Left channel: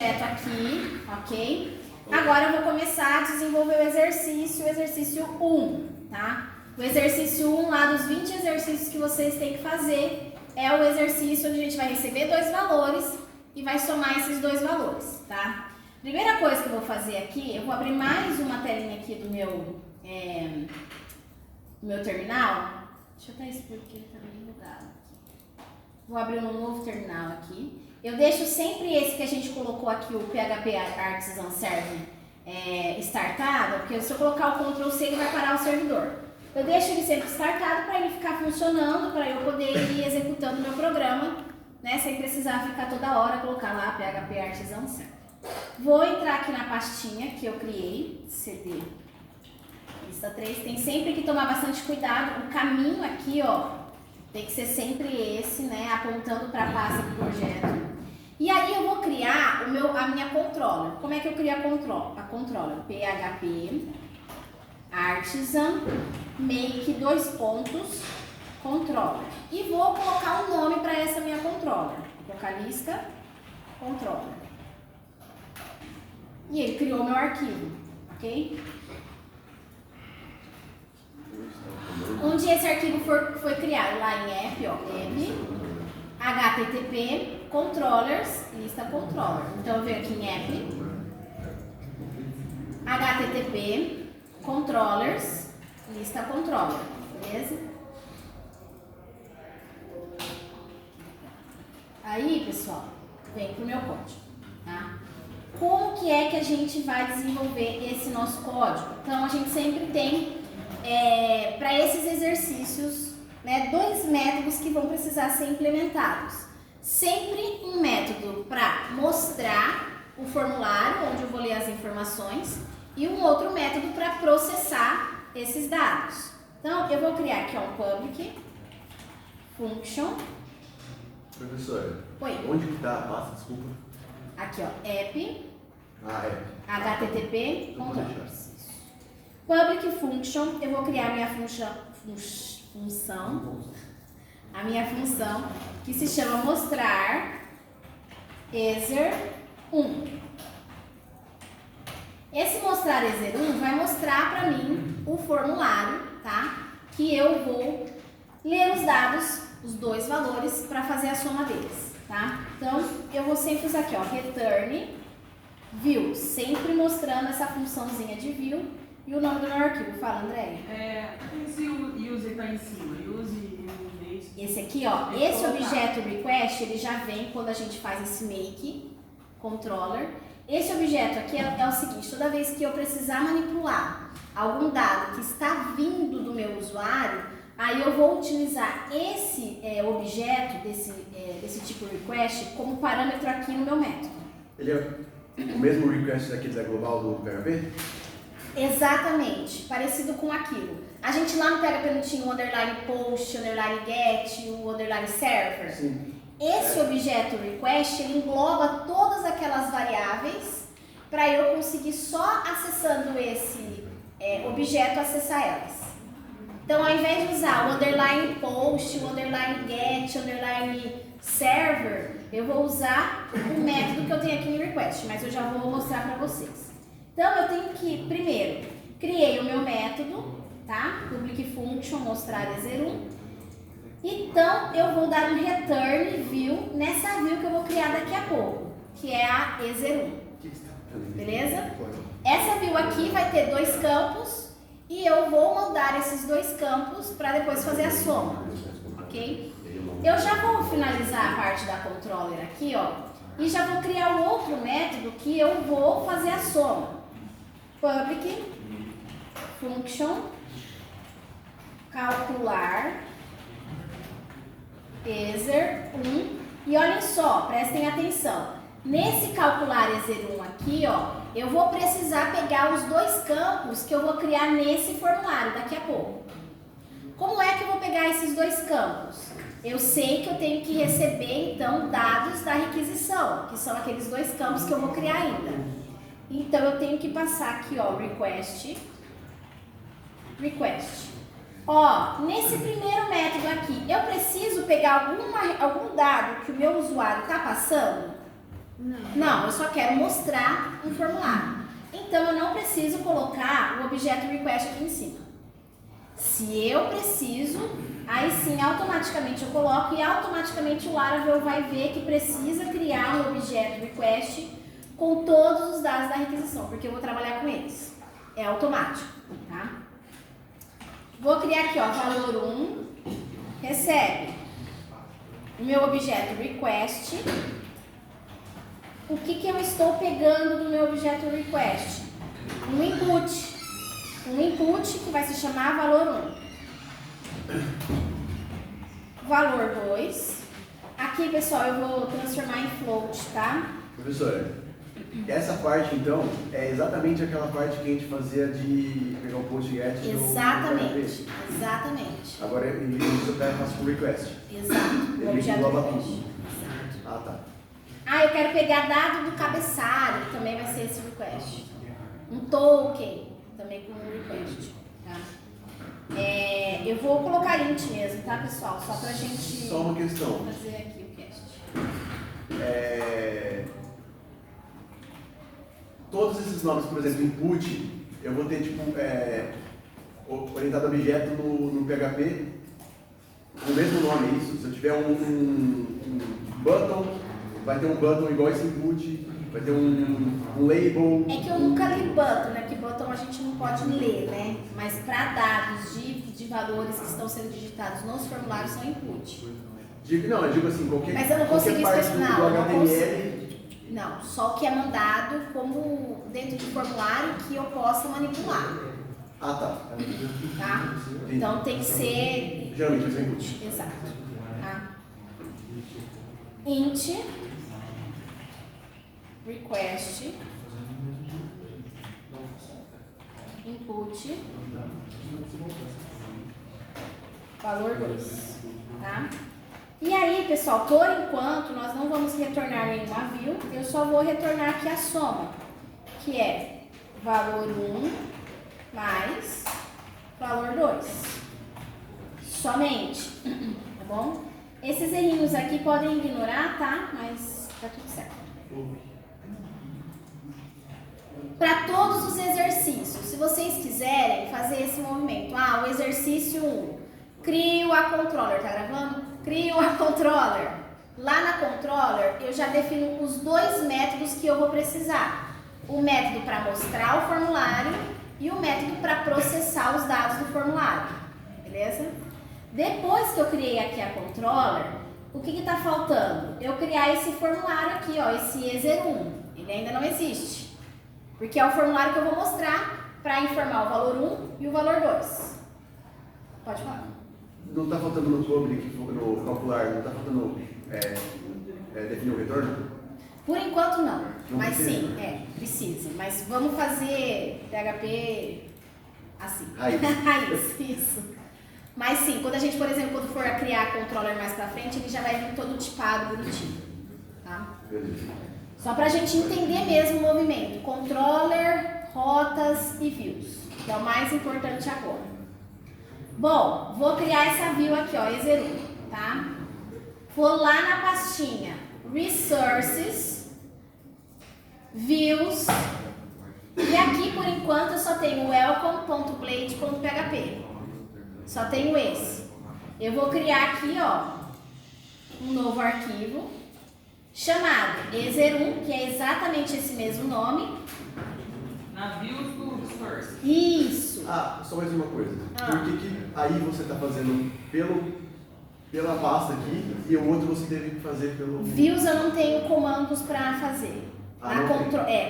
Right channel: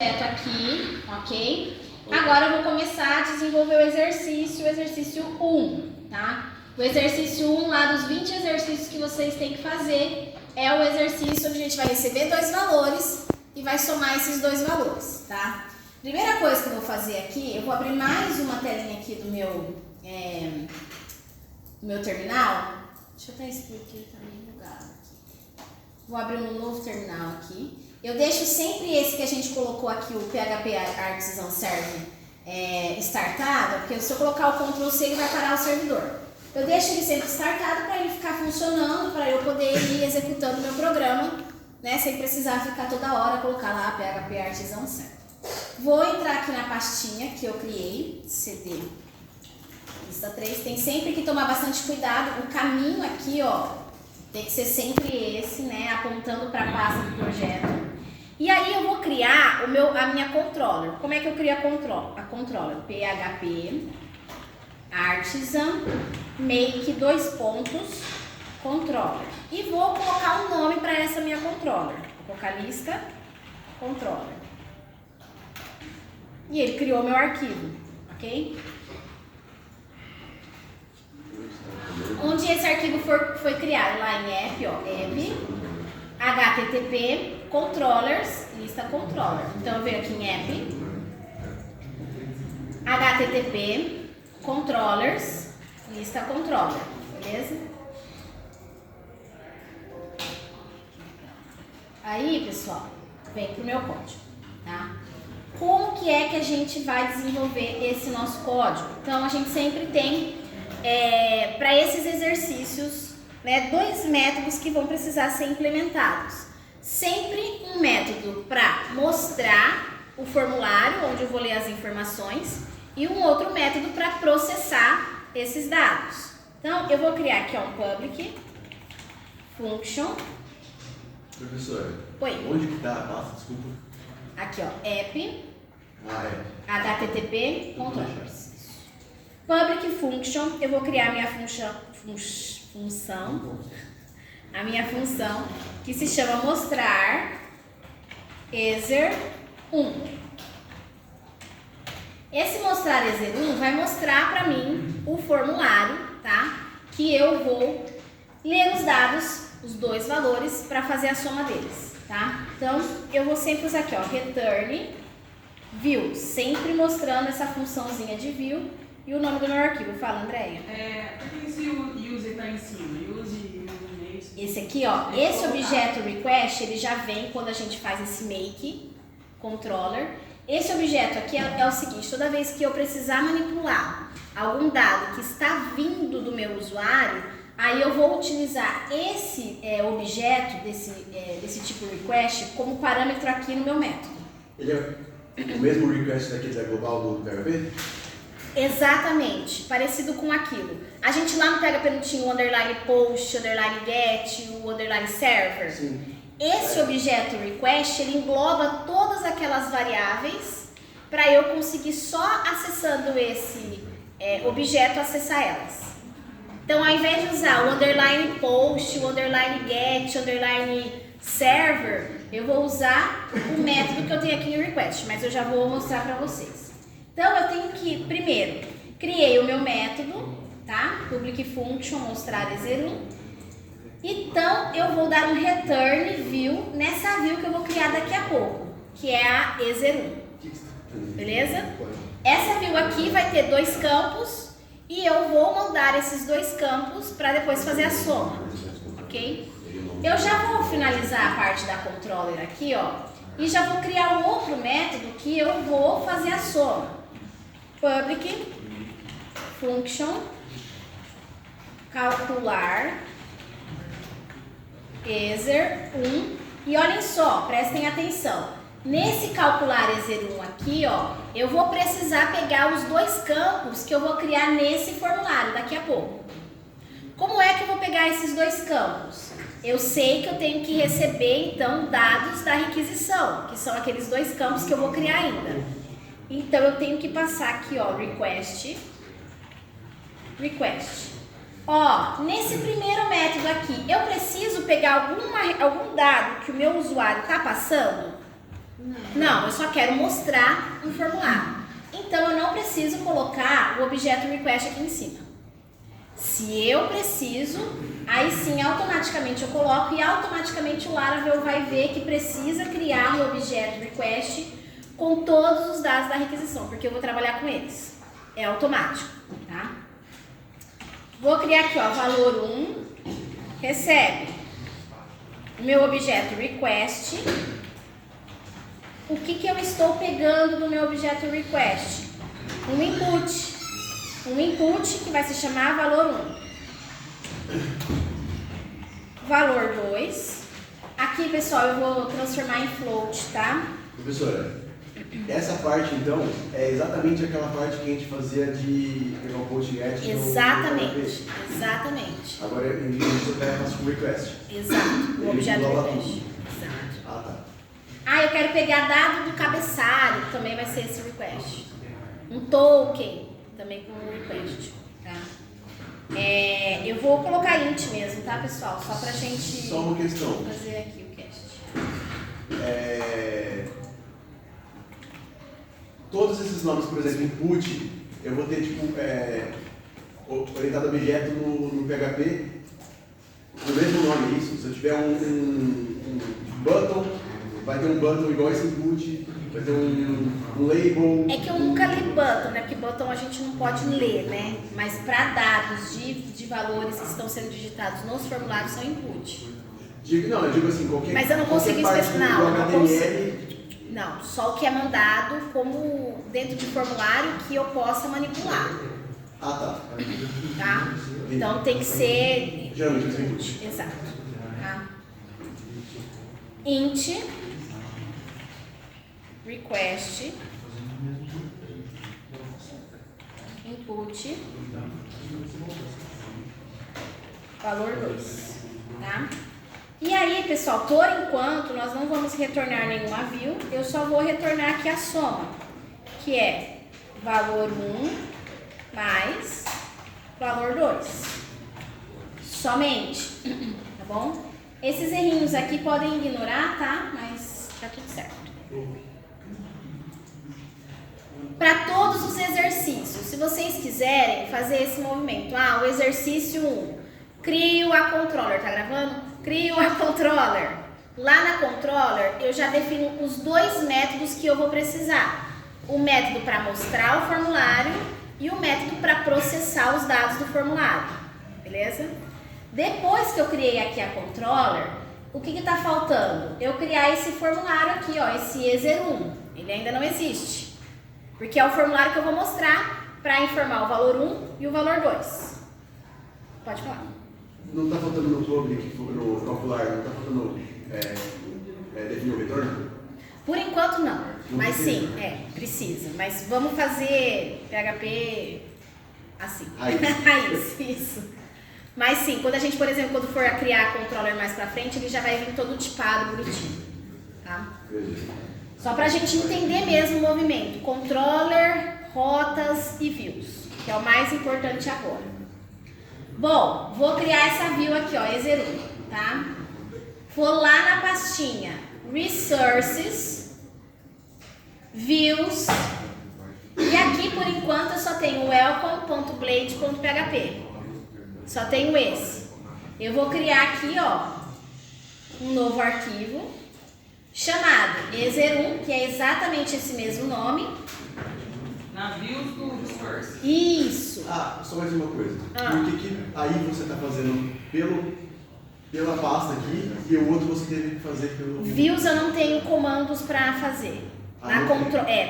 Aqui, ok? Agora eu vou começar a desenvolver o exercício 1, tá? O exercício 1 lá dos 20 exercícios que vocês têm que fazer é o exercício onde a gente vai receber dois valores e vai somar esses dois valores, tá? Primeira coisa que eu vou fazer aqui, eu vou abrir mais uma telinha aqui do meu terminal. Deixa eu até expor aqui, tá meio bugado aqui. Vou abrir um novo terminal aqui. Eu deixo sempre esse que a gente colocou aqui, o PHP Artisan Server, startado, porque se eu colocar o Ctrl C ele vai parar o servidor. Eu deixo ele sempre startado para ele ficar funcionando, para eu poder ir executando o meu programa, né, sem precisar ficar toda hora colocar lá PHP Artisan Server. Vou entrar aqui na pastinha que eu criei, CD lista 3, tem sempre que tomar bastante cuidado, o caminho aqui, ó, tem que ser sempre esse, né, apontando para a pasta do projeto. E aí eu vou criar a minha controller. Como é que eu crio a controller? PHP Artisan Make controller. E vou colocar um nome para essa minha controller. Vou colocar lista controller. E ele criou meu arquivo, ok? Onde esse arquivo foi criado? Lá em app, ó, app, http, controllers, lista controller. Então eu venho aqui em app, http, controllers, lista controller, beleza? Aí, pessoal, vem pro meu código, tá? Como que é que a gente vai desenvolver esse nosso código? Então a gente sempre tem para esses exercícios, né, dois métodos que vão precisar ser implementados. Sempre um método para mostrar o formulário, onde eu vou ler as informações, e um outro método para processar esses dados. Então, eu vou criar aqui um public function. Professora, Oi. Onde que tá a pasta? Desculpa. Aqui, ó, app, http, controllers. Public function, eu vou criar a minha função, que se chama mostrar exer1. Esse mostrar exer1 vai mostrar para mim o formulário, tá? Que eu vou ler os dados, os dois valores, para fazer a soma deles, tá? Então, eu vou sempre usar aqui, ó, return view, sempre mostrando essa funçãozinha de view. E o nome do meu arquivo, fala, Andréia. Esse use está em cima, esse aqui, ó, esse objeto request, ele já vem quando a gente faz esse make controller. Esse objeto aqui é o seguinte, toda vez que eu precisar manipular algum dado que está vindo do meu usuário, aí eu vou utilizar esse objeto desse tipo request como parâmetro aqui no meu método. Ele é o mesmo request daquele da global do PHP? Exatamente, parecido com aquilo. A gente lá no PHP não tinha o underline post, o underline get, o underline server. Sim. Esse objeto request, ele engloba todas aquelas variáveis para eu conseguir só acessando esse objeto acessar elas. Então, ao invés de usar o underline post, o underline get, o underline server, eu vou usar o método que eu tenho aqui no request, mas eu já vou mostrar para vocês. Então, eu tenho que, primeiro, criei o meu método, tá? Public function, mostrar exer1. Então, eu vou dar um return view nessa view que eu vou criar daqui a pouco, que é a exer1. Beleza? Essa view aqui vai ter dois campos e eu vou mudar esses dois campos para depois fazer a soma, ok? Eu já vou finalizar a parte da controller aqui, ó, e já vou criar um outro método que eu vou fazer a soma. Public function calcular exer1 e olhem só, prestem atenção. Nesse calcular exer1 aqui, ó, eu vou precisar pegar os dois campos que eu vou criar nesse formulário daqui a pouco. Como é que eu vou pegar esses dois campos? Eu sei que eu tenho que receber, então, dados da requisição, que são aqueles dois campos que eu vou criar ainda. Então, eu tenho que passar aqui, ó, request. Ó, nesse primeiro método aqui, eu preciso pegar algum dado que o meu usuário está passando? Não, eu só quero mostrar um formulário. Então, eu não preciso colocar o objeto request aqui em cima. Se eu preciso, aí sim, automaticamente eu coloco e automaticamente o Laravel vai ver que precisa criar um objeto request com todos os dados da requisição, porque eu vou trabalhar com eles. É automático, tá? Vou criar aqui, ó, valor 1, recebe o meu objeto request. O que eu estou pegando do meu objeto request? Um input. Um input que vai se chamar valor 1. Valor 2. Aqui, pessoal, eu vou transformar em float, tá? Professora, essa parte então é exatamente aquela parte que a gente fazia de pegar o PostGet. Exatamente, exatamente. Agora em vez disso eu faço com request. Exato, o objeto request. Exato. Ah, tá. Ah, eu quero pegar dado do cabeçalho, que também vai ser esse request. Um token, também com um request, tá? Eu vou colocar int mesmo, tá, pessoal? Só pra gente Só uma questão. fazer aqui o cast. Todos esses nomes, por exemplo, input, eu vou ter tipo orientado a objeto no PHP, o mesmo nome, é isso? Se eu tiver um button, vai ter um button igual esse input, vai ter um label. É que eu nunca li button, né? Porque button a gente não pode ler, né? Mas para dados de valores que estão sendo digitados nos formulários são input. Não, eu digo assim, qualquer. Mas eu não consigo parte especificar. do HTML. Não, só o que é mandado como dentro de formulário que eu possa manipular. Ah, tá. Tá? Então tem que ser. Geralmente é input. Exato. Tá? Int request input valor 2, tá? E aí, pessoal, por enquanto nós não vamos retornar nenhuma view, eu só vou retornar aqui a soma, que é valor 1 mais valor 2. Somente, tá bom? Esses errinhos aqui podem ignorar, tá? Mas tá tudo certo. Para todos os exercícios, se vocês quiserem fazer esse movimento, o exercício 1, crio a controller, tá gravando? Crio a controller. Lá na controller, eu já defino os dois métodos que eu vou precisar. O método para mostrar o formulário e o método para processar os dados do formulário, beleza? Depois que eu criei aqui a controller, o que está faltando? Eu criar esse formulário aqui, ó, esse EZER1. Ele ainda não existe. Porque é o formulário que eu vou mostrar para informar o valor 1 e o valor 2. Pode falar. Não está faltando no public, no calcular, não está faltando definir o retorno? Por enquanto não. Mas precisa. sim, precisa. Mas vamos fazer PHP assim. Raiz. Isso. Mas sim, quando a gente, por exemplo, quando for a criar controller mais pra frente, ele já vai vir todo tipado, bonitinho. Tá? Beleza. Só pra gente entender mesmo o movimento. Controller, rotas e views, que é o mais importante agora. Bom, vou criar essa view aqui, ó, EZER1, tá? Vou lá na pastinha Resources, Views, e aqui por enquanto eu só tenho welcome.blade.php. Só tenho esse. Eu vou criar aqui, ó, um novo arquivo chamado EZER1, que é exatamente esse mesmo nome. Navios do Resource. Isso. Só mais uma coisa. Por que aí você está fazendo pela pasta aqui e o outro você teve que fazer pelo... Views eu não tenho comandos para fazer.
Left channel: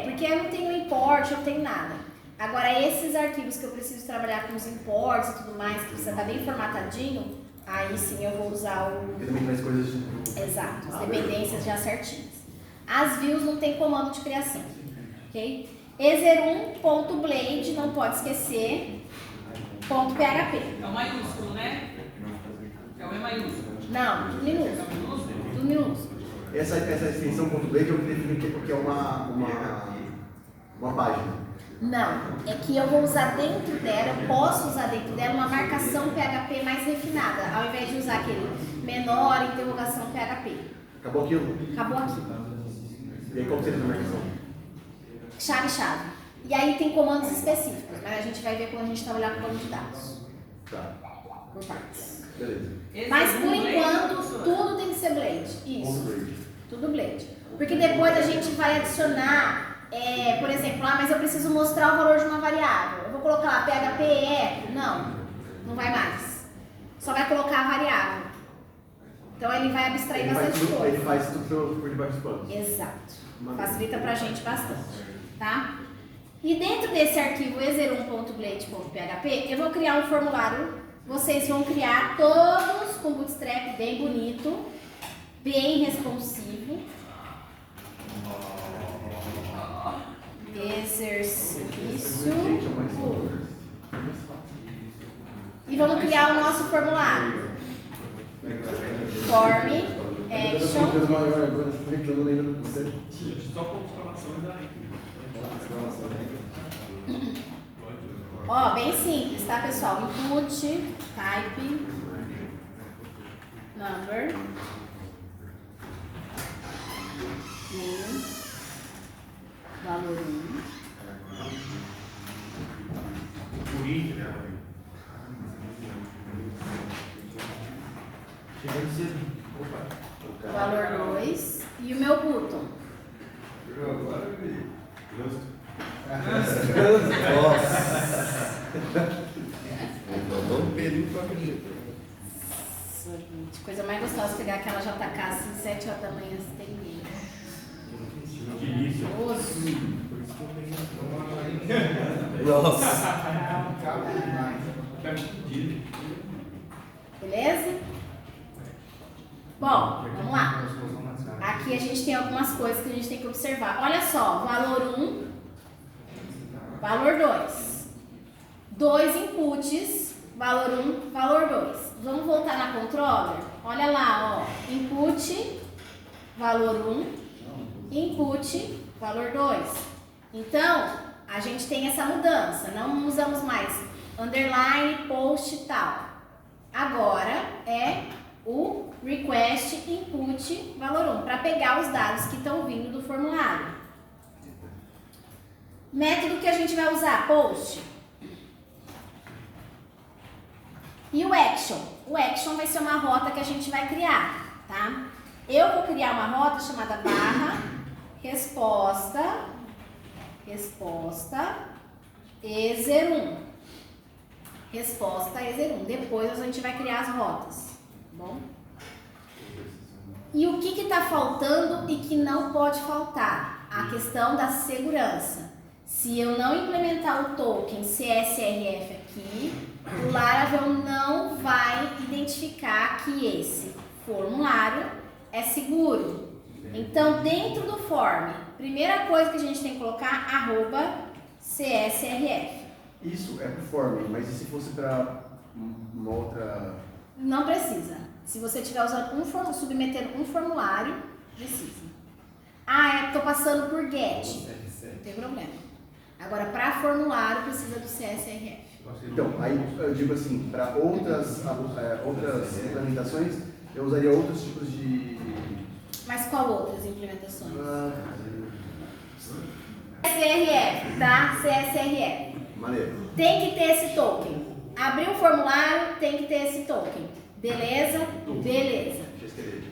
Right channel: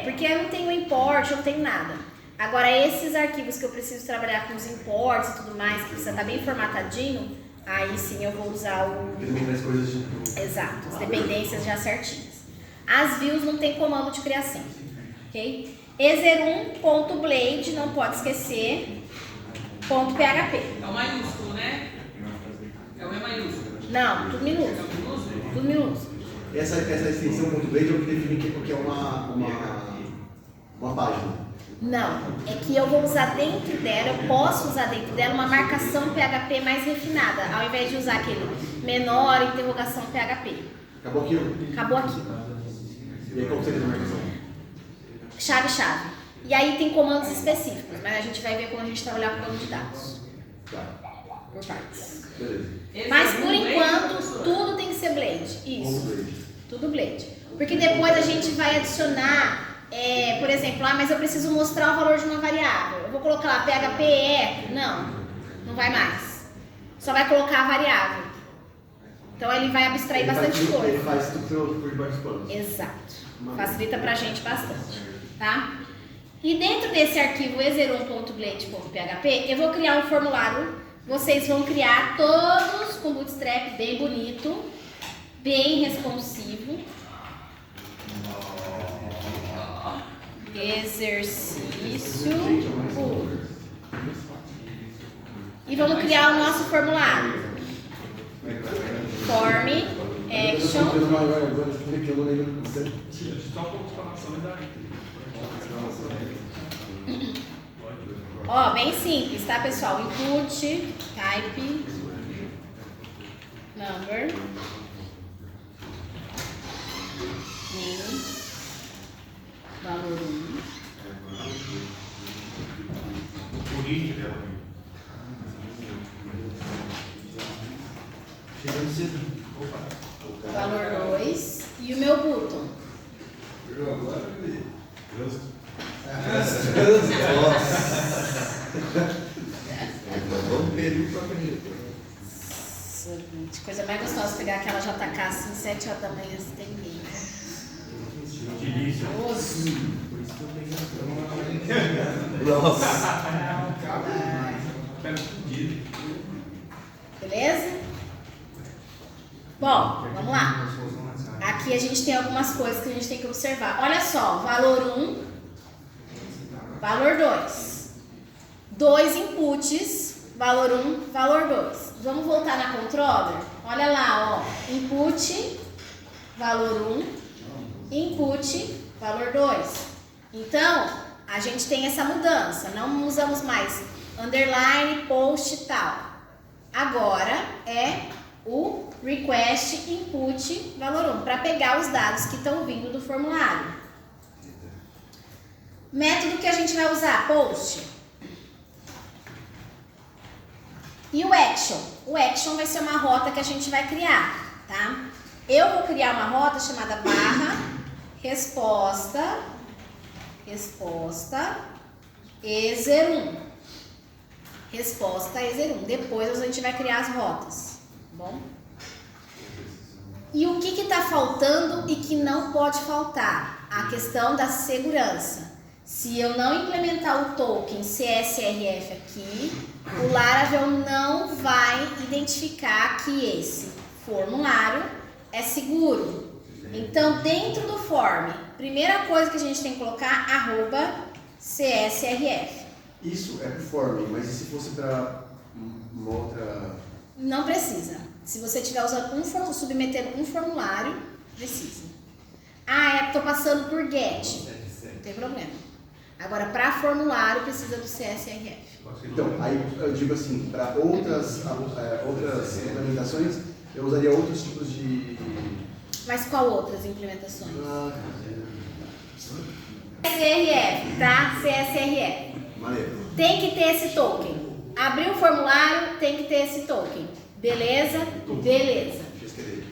Porque eu não tenho import, eu não tenho nada. Agora, esses arquivos que eu preciso trabalhar com os imports e tudo mais, que precisa estar bem formatadinho, aí sim eu vou usar o... Também faz coisas de... Exato, as dependências já certinhas. As views não tem comando de criação, ok? EZER1.blade, não pode esquecer, .php. É o maiúsculo, né? É o E maiúsculo. Não, tudo minúsculo. É o minúsculo? Tudo minúsculo. Essa extensão .blade é o que define o que é uma página. Não, é que eu vou usar dentro dela, eu posso usar dentro dela uma marcação PHP mais refinada, ao invés de usar aquele menor interrogação PHP. Acabou aquilo? Acabou aqui. E aí qual seria a marcação? Chave. E aí tem comandos específicos, mas a gente vai ver quando a gente trabalhar com banco de dados. Tá. Por partes. Beleza. Mas por enquanto, tudo tem que ser Blade. Isso. Tudo Blade. Porque depois a gente vai adicionar, por exemplo, mas eu preciso mostrar o valor de uma variável. Eu vou colocar lá PHP echo. Não vai mais. Só vai colocar a variável. Então ele vai abstrair bastante coisa. Ele faz tudo por debaixo dos panos. Exato. Facilita pra gente bastante. Tá? E dentro desse arquivo e01.blade.php, eu vou criar um formulário. Vocês vão criar todos com Bootstrap bem bonito, bem responsivo. Exercício 1. E vamos criar o nosso formulário. Form, action. Ó, bem simples, tá, pessoal? Input, type, number, name, valor 1, valor 2 e o meu button. Coisa mais gostosa pegar aquela JK assim, 7 horas da manhã, você tem ninguém. Beleza? Bom, vamos lá. Aqui a gente tem algumas coisas que a gente tem que observar. Olha só, valor 1, valor 2. 2 inputs, valor 1, valor 2. Vamos voltar na controller? Olha lá, ó. Input, valor 1, input, valor 2. Então, a gente tem essa mudança. Não usamos mais underline, post e tal. Agora é o request input valor 1, para pegar os dados que estão vindo do formulário. Método que a gente vai usar, post. E o action? O action vai ser uma rota que a gente vai criar, tá? Eu vou criar uma rota chamada barra resposta E01. Resposta E01. Depois a gente vai criar as rotas, tá bom? E o que está faltando e que não pode faltar? A questão da segurança. Se eu não implementar o token CSRF aqui, o Laravel não vai identificar que esse formulário é seguro. Então, dentro do form, primeira coisa que a gente tem que colocar, @CSRF. Isso é pro form, mas e se fosse para uma outra... Não precisa. Se você estiver usando submetendo um formulário, precisa. Estou passando por get. Não tem problema. Agora, para formulário, precisa do CSRF. Então, aí eu digo assim, para outras implementações, eu usaria outros tipos de... Mas qual outras implementações? CSRF, tá? CSRF. Maneiro. Tem que ter esse token. Abriu o formulário, tem que ter esse token. Beleza? Beleza.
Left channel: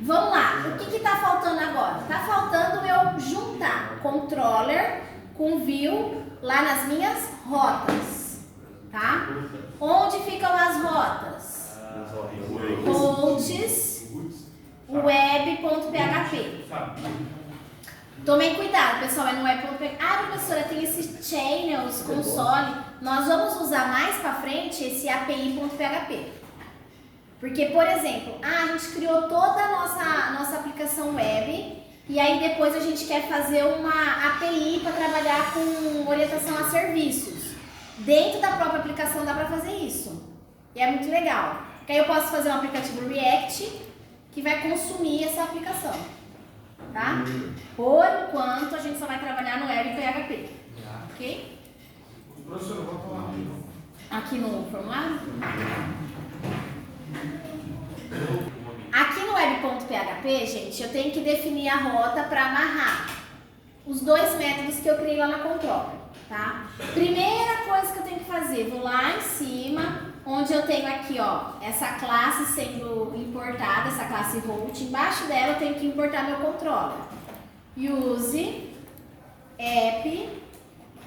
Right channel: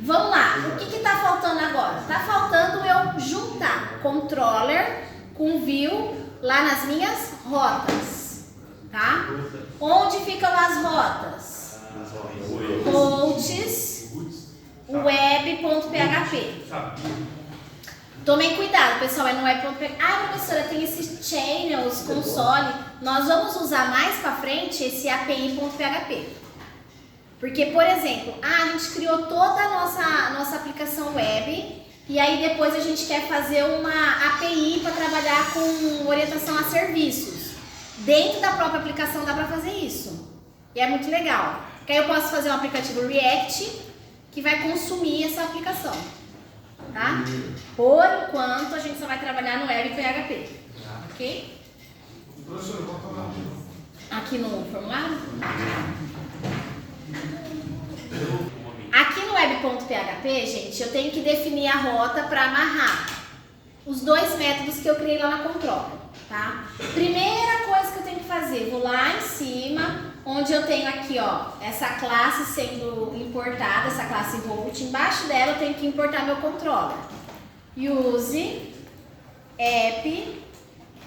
Vamos lá. O que está faltando agora? Está faltando eu juntar controller com view lá nas minhas rotas. Tá? Onde ficam as rotas? Hosts web.php. Tomem cuidado, pessoal, é no web.php. Professora, tem esses channels, console. Nós vamos usar mais para frente esse API.php. Porque, por exemplo, a gente criou toda a nossa aplicação web e aí depois a gente quer fazer uma API para trabalhar com orientação a serviços. Dentro da própria aplicação dá para fazer isso. E é muito legal. Porque aí eu posso fazer um aplicativo React que vai consumir essa aplicação. Tá? Por enquanto, a gente só vai trabalhar no web PHP. Ok? Professor, eu vou falar. Aqui no formulário? Aqui no web.php, gente, eu tenho que definir a rota para amarrar. os dois métodos que eu criei lá na Control, tá? Primeira coisa que eu tenho que fazer, vou lá em cima, onde eu tenho aqui, ó, essa classe sendo importada, essa classe Volt. Embaixo dela eu tenho que importar meu controller. Use app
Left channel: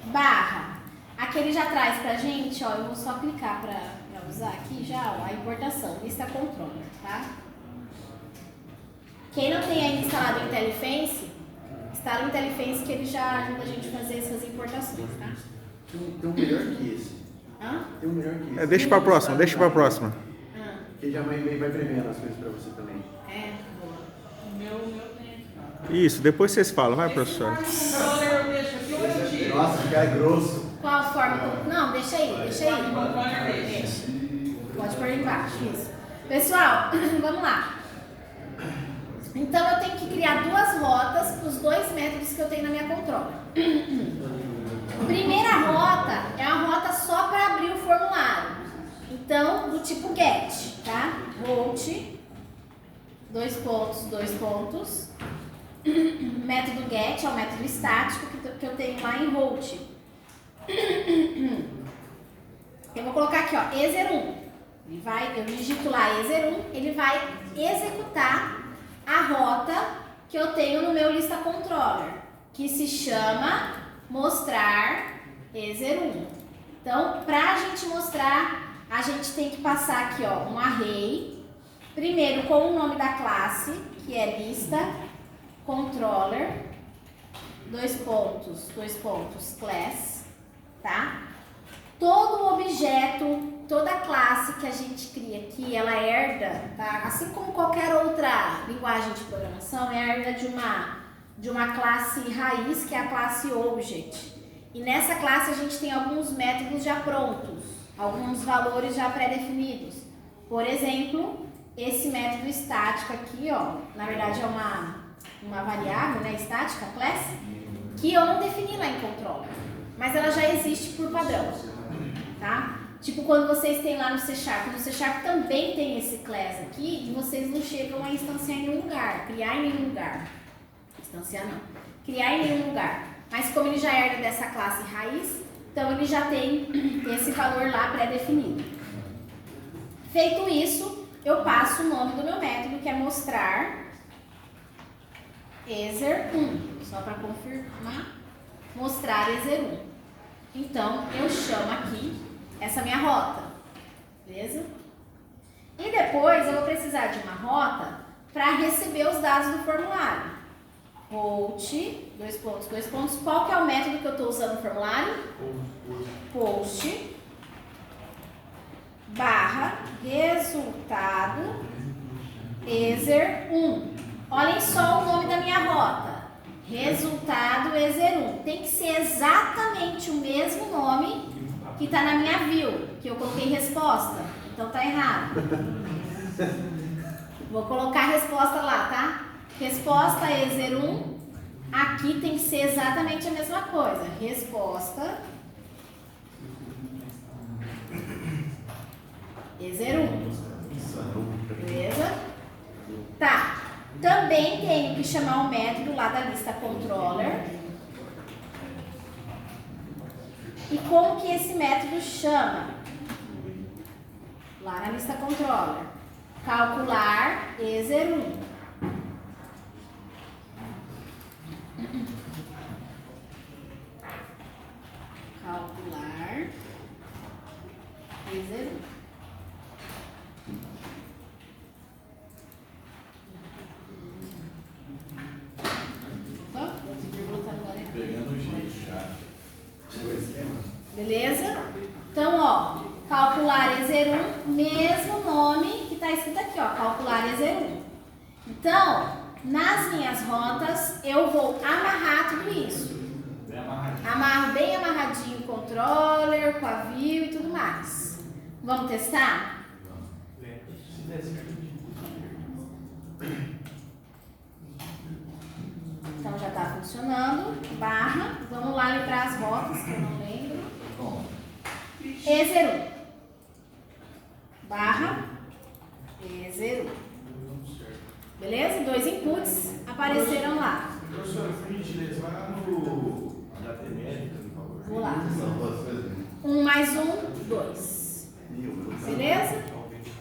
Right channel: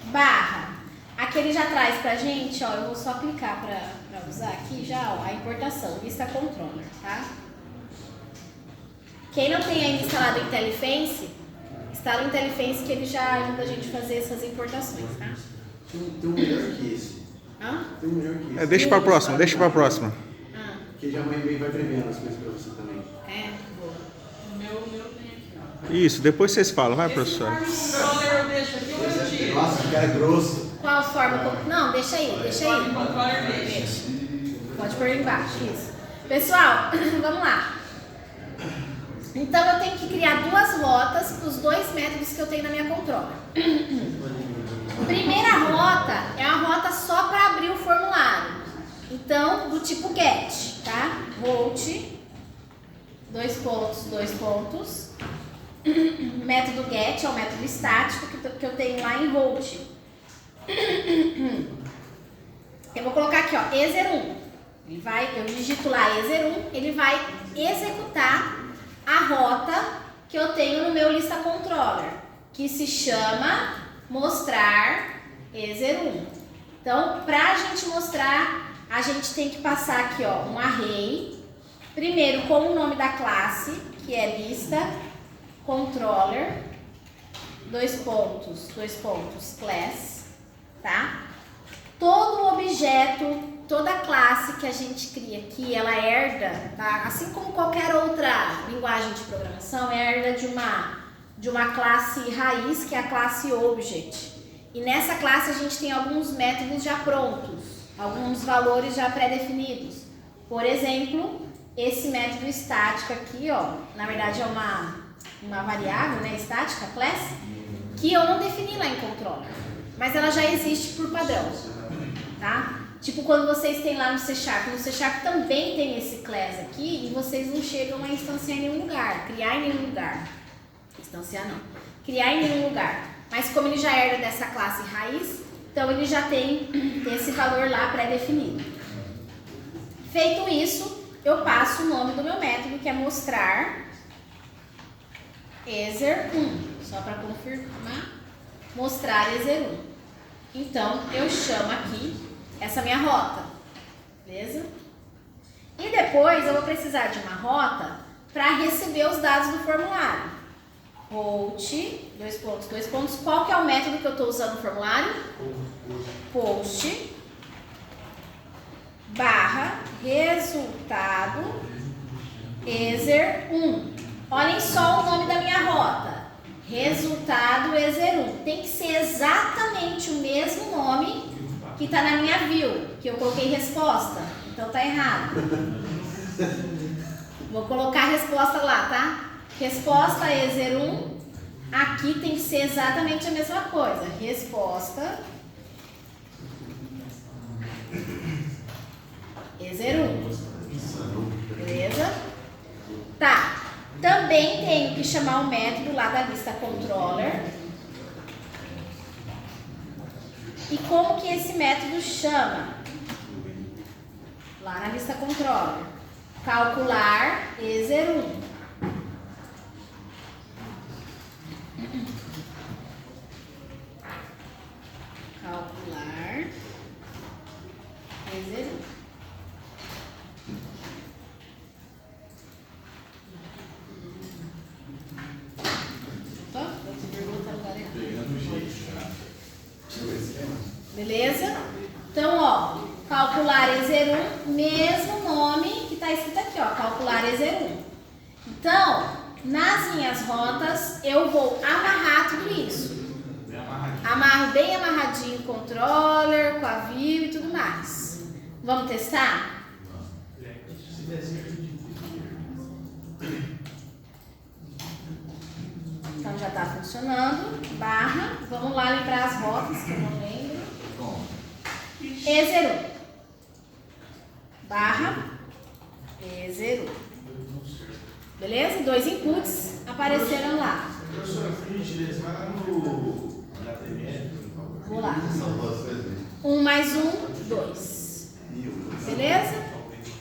barra. Aqui ele já traz pra gente, ó, eu vou só clicar pra usar aqui já, ó, a importação, lista controller, tá? Quem não tem ainda instalado o IntelliFence, instala o IntelliFence que ele já ajuda a gente a fazer essas importações, tá? Tem um melhor que esse. Hã? Tem um melhor que esse. Deixa pra próxima, deixa pra próxima. Que já vai prevendo as coisas pra você também. É, boa. O meu tem aqui, ó. Isso, depois vocês falam, vai, professora. Esse controller eu deixo aqui ou eu tiro? Nossa, que cara grosso. Qual forma? Não, deixa aí, deixa aí. O controller deixa. Deixa. Pode pôr embaixo, isso. Pessoal, vamos lá. Então eu tenho que criar duas rotas para os dois métodos que eu tenho na minha controller. Primeira rota é uma rota só para abrir o formulário. Então, do tipo get, tá? Volt, dois pontos. Método get é o método estático que eu tenho lá em Volt. Eu vou colocar aqui, ó, ezer1. Eu digito lá ezer1, ele vai executar a rota que eu tenho no meu lista controller, que se chama mostrar ezer1. Então, para a gente mostrar, a gente tem que passar aqui, ó, um array, primeiro com o nome da classe, que é lista controller, dois pontos, class, tá? Todo objeto, toda classe que a gente cria aqui, ela herda, tá? Assim como qualquer outra linguagem de programação, herda de uma classe raiz, que é a classe object. E nessa classe a gente tem alguns métodos já prontos, alguns valores já pré-definidos. Por exemplo, esse método estático aqui, ó, na verdade é uma variável, né, estática, class, que eu não defini lá em controller, mas ela já existe por padrão, tá? Tipo quando vocês têm lá no C#, também tem esse class aqui e vocês não chegam a instanciar em nenhum lugar, criar em nenhum lugar. Instanciar não, criar em nenhum lugar. Mas como ele já herda dessa classe raiz, então ele já tem esse valor lá pré-definido. Feito isso, eu passo o nome do meu método, que é mostrar ezer1, só para confirmar, mostrar ezer1. Então, eu chamo aqui essa minha rota, beleza? E depois eu vou precisar de uma rota para receber os dados do formulário. Volt, dois pontos, qual que é o método que eu estou usando no formulário? Post, barra, resultado, ezer1. Olhem só o nome da minha rota. Resultado ezer1. Tem que ser exatamente o mesmo nome que está na minha view, que eu coloquei resposta. Então tá errado. Vou colocar a resposta lá, tá? Resposta ezer1. Aqui tem que ser exatamente a mesma coisa. Resposta ezer1. Beleza? Tá. Também tenho que chamar o método lá da lista controller. E como que esse método chama? Lá na lista controller. Calcular ezer1. Calcular ezer1. Beleza? Então, ó, calcular ezer1, mesmo nome que está escrito aqui, ó, calcular ezer1. Então, nas minhas rotas, eu vou amarrar tudo isso. Amarro bem amarradinho o controller, com a view e tudo mais. Vamos testar? Então já está funcionando. Barra. Vamos lá lembrar as rotas que eu não lembro. ezer1. Barra. ezer1. Beleza? Dois inputs apareceram lá. Professora, por gentileza, vai lá no HTML, por favor. Vou lá. São duas vezes. 1 mais 1, 2. Beleza?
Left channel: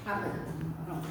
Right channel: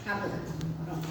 Tá bom. Pronto.